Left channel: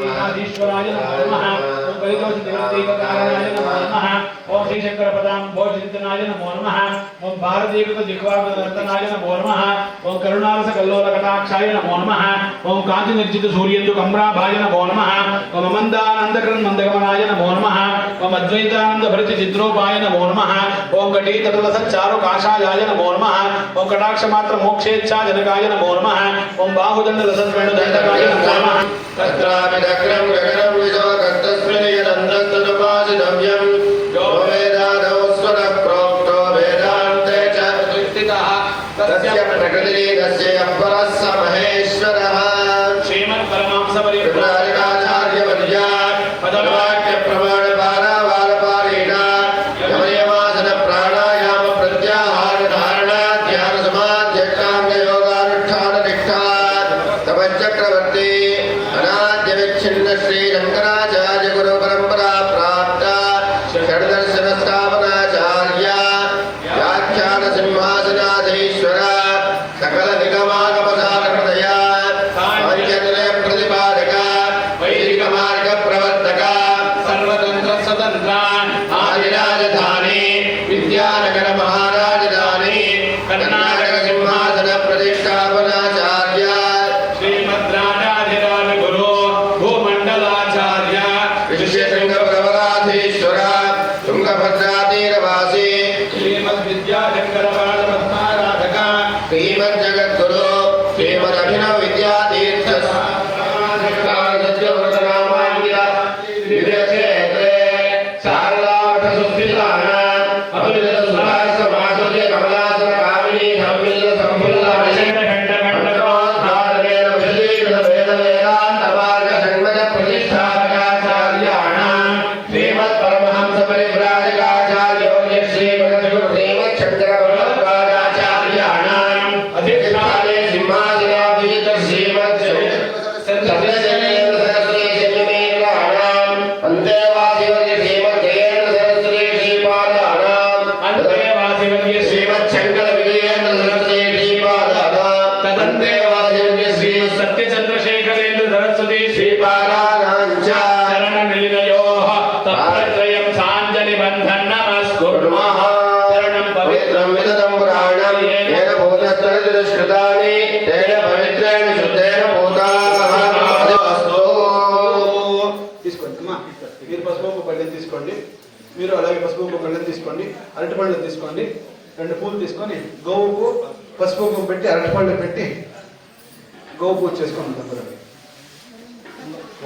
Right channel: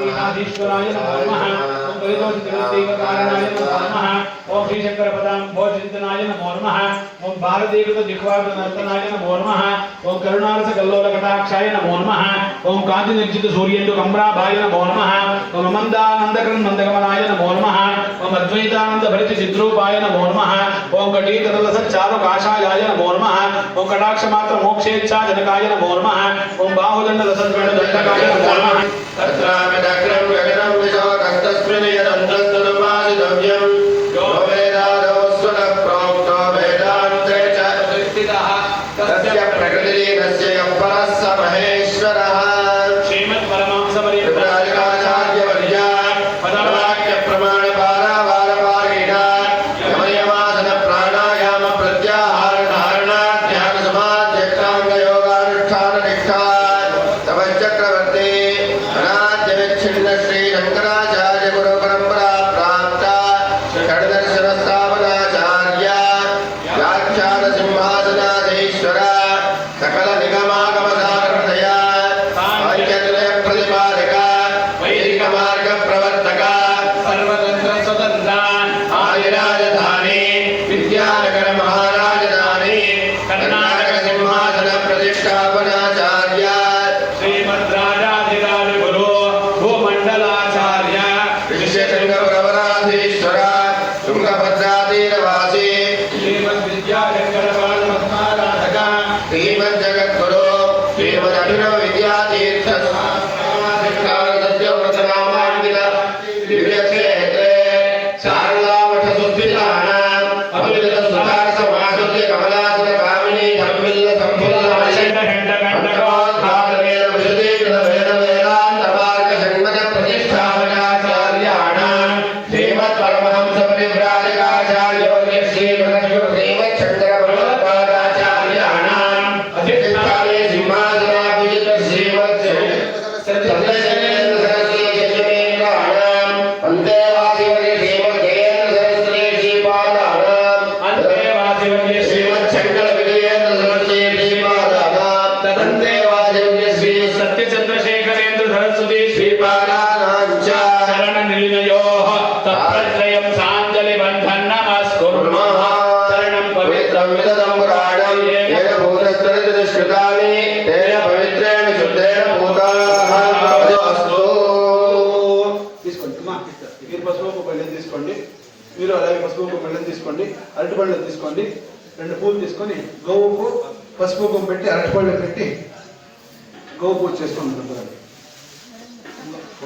ईश्वराय नमो नमः। ओम परितोषितकारणाय नमो नमः। ओम श्री शंकरपदां भोजचिंतनाय नमो नमः। ओम भारतीकृत दिग्वार्धनर्तनाय नमो नमः। ओम करुणारस कल्लोलकटाक्षाय नमो नमः। ओम कांति निर्जित सूर्येन्दु कमराभाय नमो नमः। ओम मंदानंदकरण मंदगमनाय नमो नमः। ओम अद्वैतानंद भरित चिद्रूपाय नमो नमः। ओम कटीतरवस चारु काषायाय नमो नमः। ओम कटाक्ष मात्र मोक्षेच्छा जनकाय नमो नमः। ओम बाहुदंड लसन वेणु दंडकाय नमो नमः। तत्रापि दग्रं गगनं विशवकस्तस्मिन् यदन्तस्तदुपादितव्यं यो वेदादोस्वद प्रोक्तो वेदान्ते च विस्थितः तस्य प्रकृतिः तस्य अपरः स महेश्वरः। श्रीमत्परमांसपरिव्राजकाचार्यवर्या पदवाक्यप्रमाणपारावारपारेण यमयमासन प्राणायाम प्रत्याहार धारणा ध्यान समाध्यक्षाङ्गयोगानुष्ठाननिष्ठा तपश्चक्रवर्ती छिन्न श्री शंकराचार्य गुरु परंपरा प्राप्त षड्दर्शन स्थापनाचार्य व्याख्यान सिंहासनाधीश्वर सकल निगमागम सारथय साहित्यत्रय प्रतिपादक वैदिक मार्ग प्रवर्तक सर्वतंत्र स्वतंत्र आदिराजधानी विद्यानगर महाराजधानी कर्नाटक सिंहासन प्रतिष्ठापनाचार्य तुंगभद्रातीरवासी श्रीमद्विद्याशंकरपादपद्माराधक श्रीमज्जगद्गुरु श्रीमदभिनव विद्यातीर्थ सत्यव्रतनामाङ्कित दिव्यक्षेत्रे शारदामठसुस्थितानाम् अभिनतसुभाषमाशुल्य कमलासन कामिनी धम्मिल्ल सम्फुल्ल मशेन्द्रघण्टघण्टकोद्घातनेन विशदीकृत वेदवेदान्तमार्ग षण्मज प्रतिष्ठापनाचार्याणाम् श्रीमत्परमहंस परिव्राजकाचार्योऽन्य श्रीमच्छङ्करभगवत्पादाचार्याणाम् अधिष्ठाने सिंहासनाभीष्ट श्रीमच्छ्रीमत्सरस्वतीजयमेकानाम् अन्तेवासिवर्य श्रीमज्जयेन्द्र सरस्वती श्रीपादानाम् अन्तेवासिवर्य श्रीमच्छङ्करविजयेन्द्र सरस्वती श्रीपादानाम् तदन्तेवासिवर्य श्रीमत्सत्यचन्द्रशेखरेन्द्र सरस्वती श्रीपादानाम् च शरणनिलयोः तत्रयं साञ्जलि बन्धन नमस्कुर्मः। शरणं पवित्रं विदतं पुराणं येन भूतस्तुतिश्रुतानि तेन पवित्रेण शुद्धेन भूताः अस्तु। తీసుకోండి అమ్మా, మీరు పసుపు పళ్ళెం తీసుకోండి, మీరు అలాగే పసుపు పళ్ళెం తీసుకోండి, అరటి పళ్ళు తీసుకోండి, 2 పూలు తీసుకొని గోవుకు పసుపు పెట్టి అరటి పళ్ళు పెట్టి గోవు పూజ చేసుకోండి తప్పదండి.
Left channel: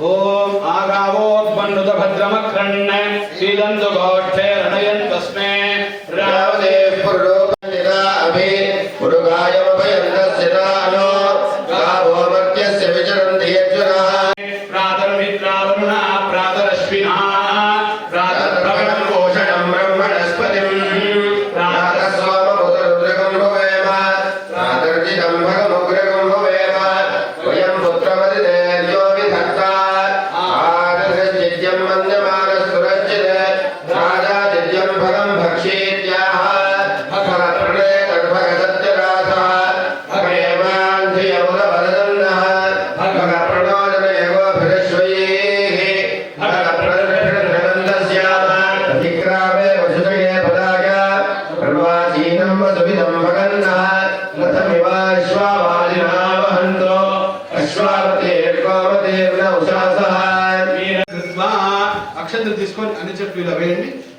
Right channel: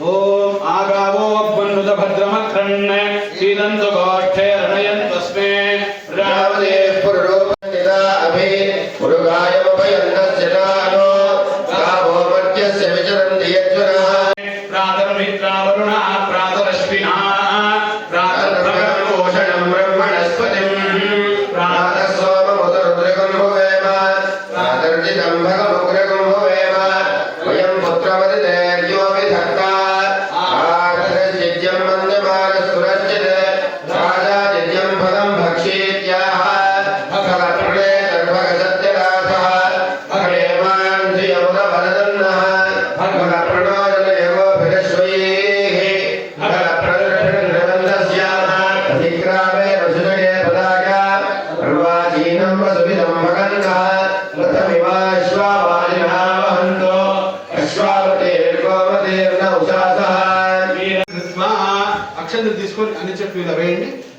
ओम आगावोपन्नुत भद्रमक्रण्ण सीदन्तु गोष्ठे रणयन्तस्मे रावणे पुरुरूपनिदा अभि पुरुगायमभयन्नस्य दानो गावो मर्त्यस्य विचरन्ति यज्वनः प्रातर्मित्रावरुणा प्रातरश्विनः प्रातर्भगवन्पोषणं ब्रह्मणस्पतिं प्रातर्सोममुदरुद्रगं भवेम प्रातर्जितं भगमुग्रगं भवेम वयं पुत्रवदिते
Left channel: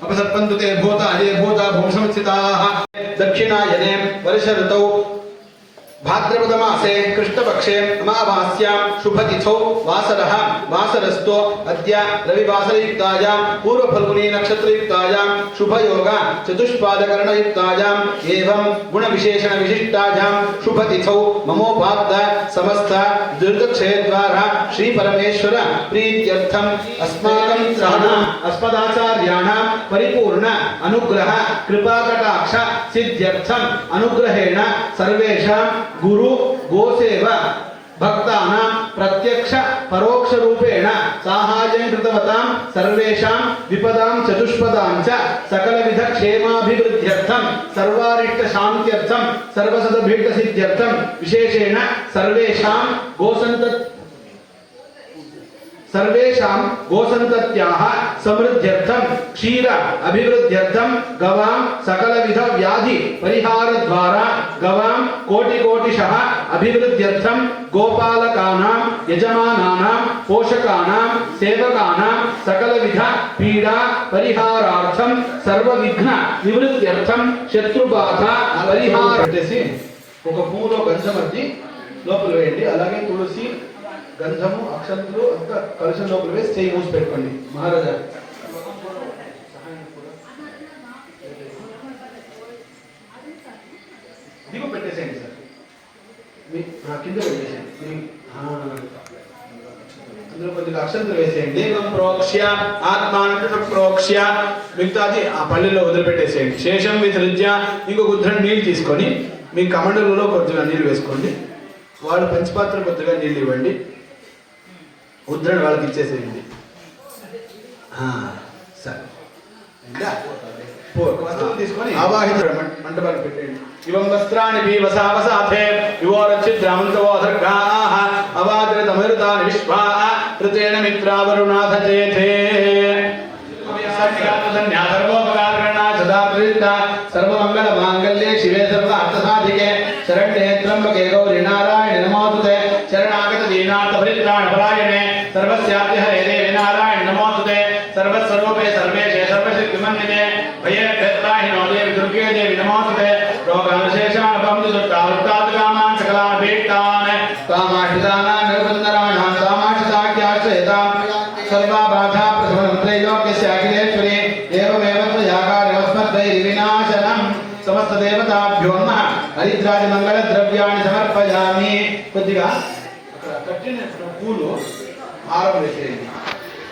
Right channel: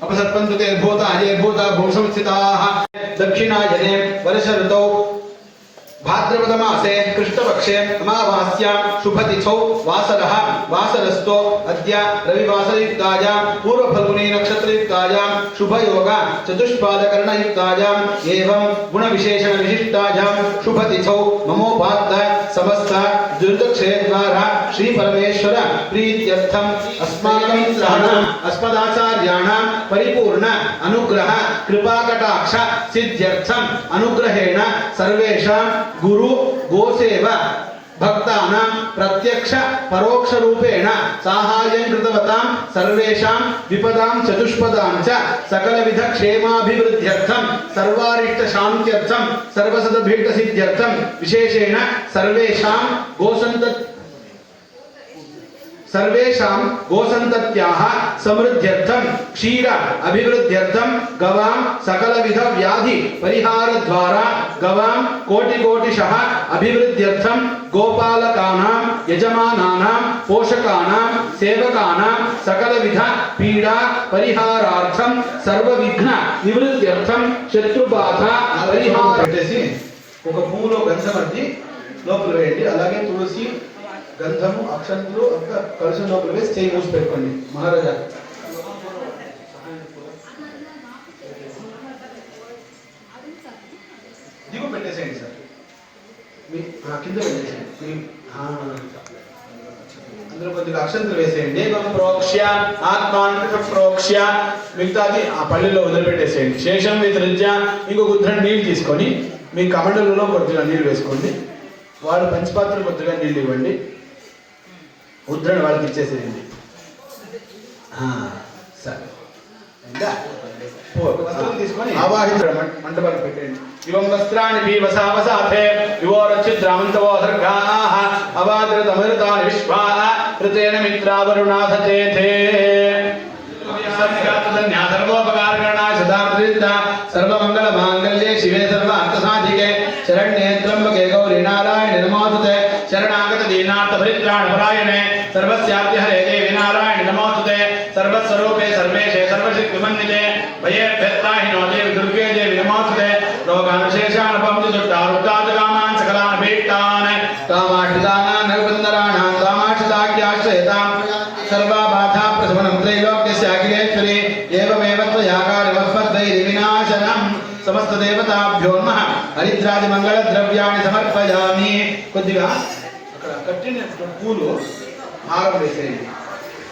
अपसर्पन्तुते भूता ये भूता भूषमस्थिताः दक्षिणायने वर्ष ऋतौ भाद्रपदमासे कृष्णपक्षे अमावास्यां शुभतिथौ वासरः वासरस्तो अद्य रविवासरयुक्तायां पूर्वफल्गुनी नक्षत्रयुक्तायां शुभयोग चतुष्पादकर्णयुक्तायां एवं गुणविशेषण विशिष्टायां शुभतिथौ ममोपात्त समस्त दुर्गक्षेत्रद्वारा श्री परमेश्वर प्रीत्यर्थम अस्माकं अस्मदाचार्याणां परिपूर्ण अनुग्रह कृपाकटाक्ष सिद्ध्यर्थम अनुग्रहेण सर्वेषां गुरु गोसेवा भक्तानां प्रत्यक्ष परोक्ष रूपेण साहाय्यं कृतवतां सर्वेषां विपदां चतुष्पदां च सकलविध क्षेमाभिवृद्ध्यर्थं सर्वारिष्ट शान्त्यर्थं सर्वसदभीष्ट सिद्ध्यर्थं विशेषेण सर्वेषां सर्वेषां गोसन्तत्याः समृद्ध्यर्थं क्षीर अभिवृद्ध्यर्थं गवां सकलविध व्याधि परिहार द्वारा गवां कोटिकोटिशः अभिवृद्ध्यर्थं गोपालकानां यजमानानां पोषकानां सेवकानां सकलविध पीडा परिहारार्थं सर्वविघ्न निवृत्त्यर्थं शत्रुबाधा परिहार పెట్టేసి ఒక పూలో గంధం అద్ది లోపల వేయండి. అలాగే తులసి గంధము అక్షంతులు అంతా కలశం లోపల వేసి చేయి మూసి పెట్టుకోండి. మహారాజా దిగు పెట్టేసేయండి సార్. మీ కింద పెట్టేసేయండి. అందులో కొద్దిగా అక్షంతలు వేసేయండి. ప్రోక్ష్య ఆత్మాన్ని ప్రోక్ష్య మిగతాది ఆ పల్లెల్లో వదిలిపెట్టేసేయండి. శేషం విసృజ్య ఇంకొక ఉద్రణ నీళ్ళు తీసుకొని మీ కమండలలో కొద్దిగా నీళ్ళు వేసుకోండి. వాళ్ళు పంచపాత్ర కొద్దిగా నీళ్ళు ఇవ్వండి. ఉద్రణ వాళ్ళకి ఇచ్చేసేయండి. సరే తీసుకొని ఆవాహిత మంటపాలు పెట్టండి. ఇవం వస్త్రాన్ని పీవసావసాథే వివోరచిద్రామంతవోసర్గాః అవాద్రతమృతాని విశ్వా ఋతేన మిత్రావరుణాథచేతే సర్వమంగళ మాంగళ్యే శివే సర్వ అర్థసాధికే శరణ్యే త్ర్యంబకే గౌరీ నారాయణి నమోస్తుతే శరణాగత దీనార్థ పరిత్రాణ పరాయణే సర్వస్యార్థి హరే దేవి నారాయణి నమోస్తుతే సర్వస్వరూపే సర్వేశే సర్వశక్తిమందితే భయేభ్యత్రాహినో దేవి దుర్గే దేవి నమోస్తుతే రోగానుశేషాన్ పంచుదుట్టారుట్టాద్ కామాన్ సకలాన్ భీష్టాన్ కామాశ్రితానాన్ నరకుందరాణాం కామాశ్రితాఖ్యాశ్రయతాం సర్వబాధా ప్రశమనం త్రైలోక్యస్య అఖిలేశ్వరి ఏవమేవ త్వయాకారవస్మద్వైరి వినాశనం సమస్త దేవతాభ్యో నమః హరిద్రాది మంగళ ద్రవ్యాన్ని సమర్పయామి. కొద్దిగా అక్కడ కట్టిన పూలు హారం వేసేయండి.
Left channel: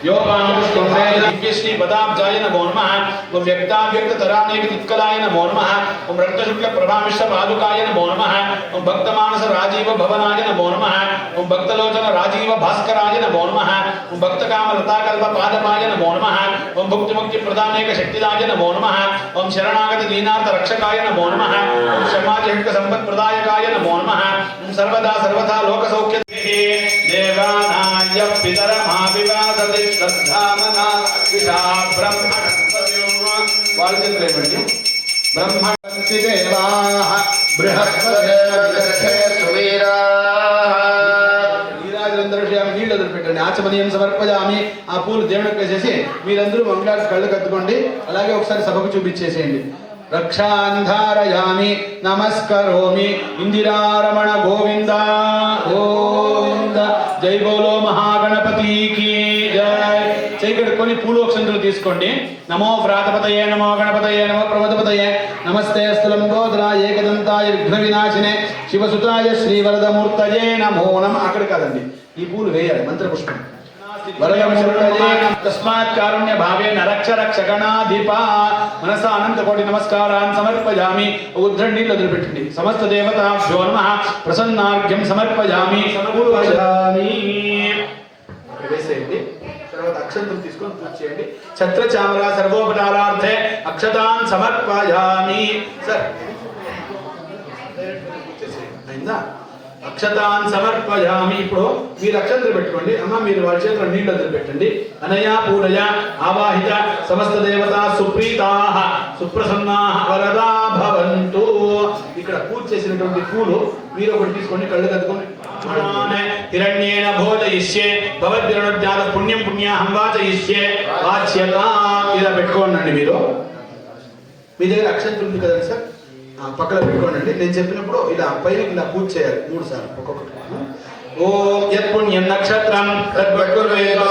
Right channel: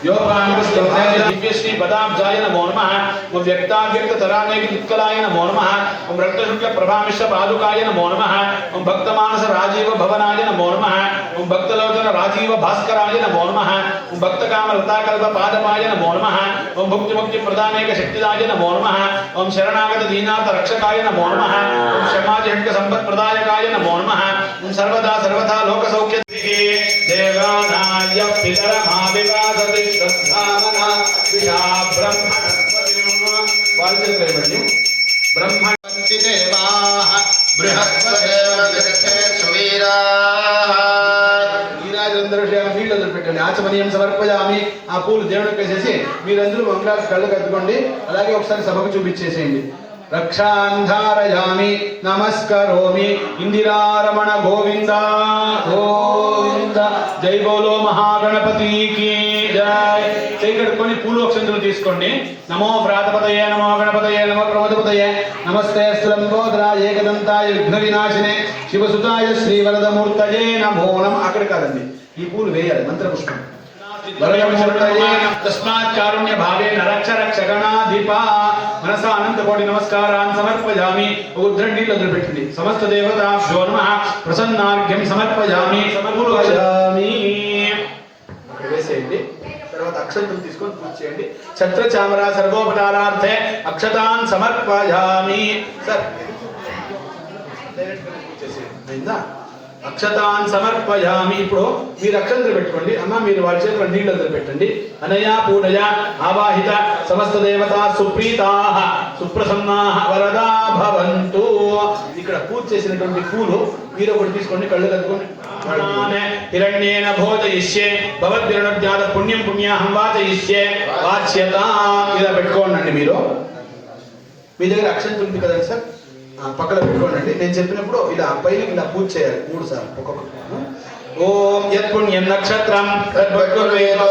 योपान पुष्पं दिव्यश्री पदाब्जाय नमो नमः ओम व्यक्ताव्यक्ततरानेक उत्कलाय नमो नमः ओम रक्तशुक्ल प्रभामिश्र पादुकाय नमो नमः ओम भक्तमानस राजीव भवनाय नमो नमः ओम भक्तलोचन राजीव भास्कराय नमो नमः ओम भक्तकाम रताकल्प पादपाय नमो नमः ओम भुक्ति मुक्ति प्रदानेक शक्तिदाय नमो नमः ओम शरणागत दीनार्थ रक्षकाय नमो नमः ओम समाजहित संपत् प्रदायकाय नमो नमः ओम सर्वदा सर्वथा लोक सौख्य देवानाय पितरमाविकासति श्रद्धामना विषा ब्रह्मणस्पतिर्वाचन्द्रेमणि ब्रह्मणस्ति देवाः बृहस्पतिर्वक्षे सुवीराः వీరాజేంద్రశ్యామ నీళ్ళు వదిలిపెట్టండి. ఆచమనీయం సమర్పయామి. ఆ పూలు దేవుడికి వేసేసి మీరందరూ మంగళ కళ్ళు కత్తుకోండి. అలాగే ఒకసారి సభకు చూపించేసేయండి. రక్షాంధారయామి నమస్కరోమి ఇందిరారమణ గోవింద గోవింద జై బోలో మహాగణపతికి జై. చేయి కడుక్కొని పూలు అక్షంతులు తీసుకోండి. నమో వ్రాతపతయే నమో గణపతయే నమో ప్రమదపతయే నమస్తే స్థలంబోధరాయ ఏకదంతాయ విఘ్న వినాశినే శివసుతాయ శ్రీవరదమూర్తయే నమో నమః. అక్కడ కాదండి, ఈ పూలు వేయాలి. మంత్రపుష్పం తస్మాత్ కారుణ్య భావేన రక్ష రక్ష గణాధిపా మనసా అనంత కోటి నమస్కారాన్ని సమర్పయామి. ఉద్రణ నీళ్ళు వదిలిపెట్టండి. సమస్త దేవతాభ్యో నమః ప్రసన్నార్ఘ్యం సమర్పయామి. అక్కడ వేసేయండి. తర్వాత అక్షంతం తీసుకొని పూజ చేయండి. ఛత్ర చామర సర్వోపచారార్థే అక్షతాన్ సమర్పయామి. సార్ అయిందా? అక్షతాన్ సమర్పయామి. ఇప్పుడు మీరు అక్షంతలు పెట్టుకోండి. అమ్మ మీరు వాళ్ళ చేతిలో నీళ్ళు వదిలిపెట్టండి. అనయా పూజయ ఆవాహిత సమస్త దేవతా సుప్రీతాః సుప్రసన్నాః వరదా భవంతు. ఇక్కడ పూజ చేసినటువంటి పూలు మీరు ఒకటి తీసుకోండి. కళ్ళు కట్టుకోండి. హిరణ్యేన భోజయిష్యే భవద్విరణోజ్ఞాత పుణ్యం పుణ్యాహం వాచయిష్యే వాచ్యత. ఇలా పెట్టుకోండి. మీరు మీ దగ్గర అక్షంతలు ఉంది కదండి సార్, పక్కన పెట్టుకోండి. నేను చెప్పినప్పుడు ఇలా పైన ఇలా పూజ చేయాలి 3 సార్లు ఒక్కొక్కటి. ఓం యత్ పుణ్యం నక్షత్రం తద్వద్గుర్వేదో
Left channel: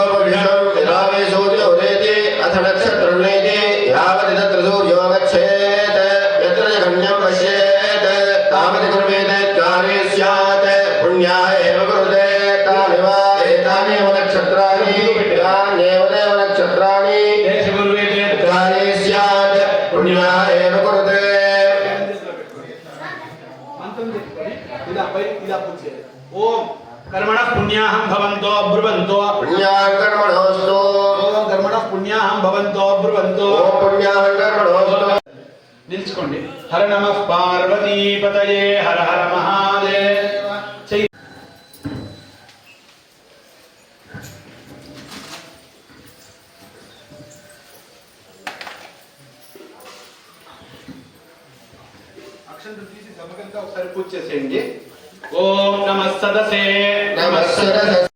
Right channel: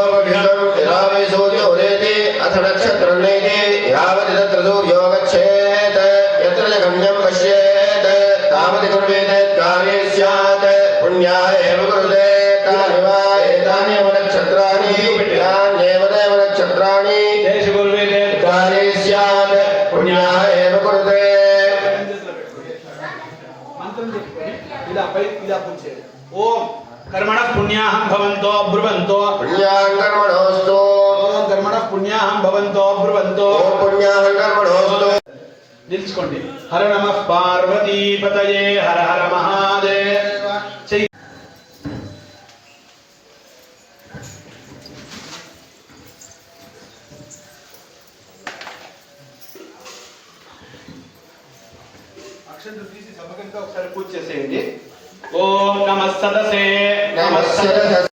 సూర్యోదేతి అథ నక్షత్రనేతి యావతి తత్ర సూర్యో గచ్ఛేత్ యత్ర గమ్యం పశ్యేత్ తావతి కుర్వేత్ కార్యే స్యాత్ పుణ్యాయ ఏవ కురుతే తానివ ఏతానేవ నక్షత్రాణి యాన్యేవ దేవ నక్షత్రాణి తేషు కుర్వేత్ కార్యే స్యాత్ పుణ్యాయ ఏవ కురుతే. ఇలా పై ఇలా పూజ చేయాలి. ఓం कर्मण पुण्याहं भवन्तो ब्रुवन्तो पुण्याहं कर्मणोऽस्तु ओम कर्मण पुण्याहं भवन्तो ब्रुवन्तो ओम पुण्याहं कर्मणोऽस्तु. నిల్చుకోండి. హర నమః పార్వతీపతయే హర హర మహాదేవ. అక్షంతలు తీసి సమకంగా ఒకసారి పూజ చేసేయండి. ఓం నమః సదసే నమః సదసే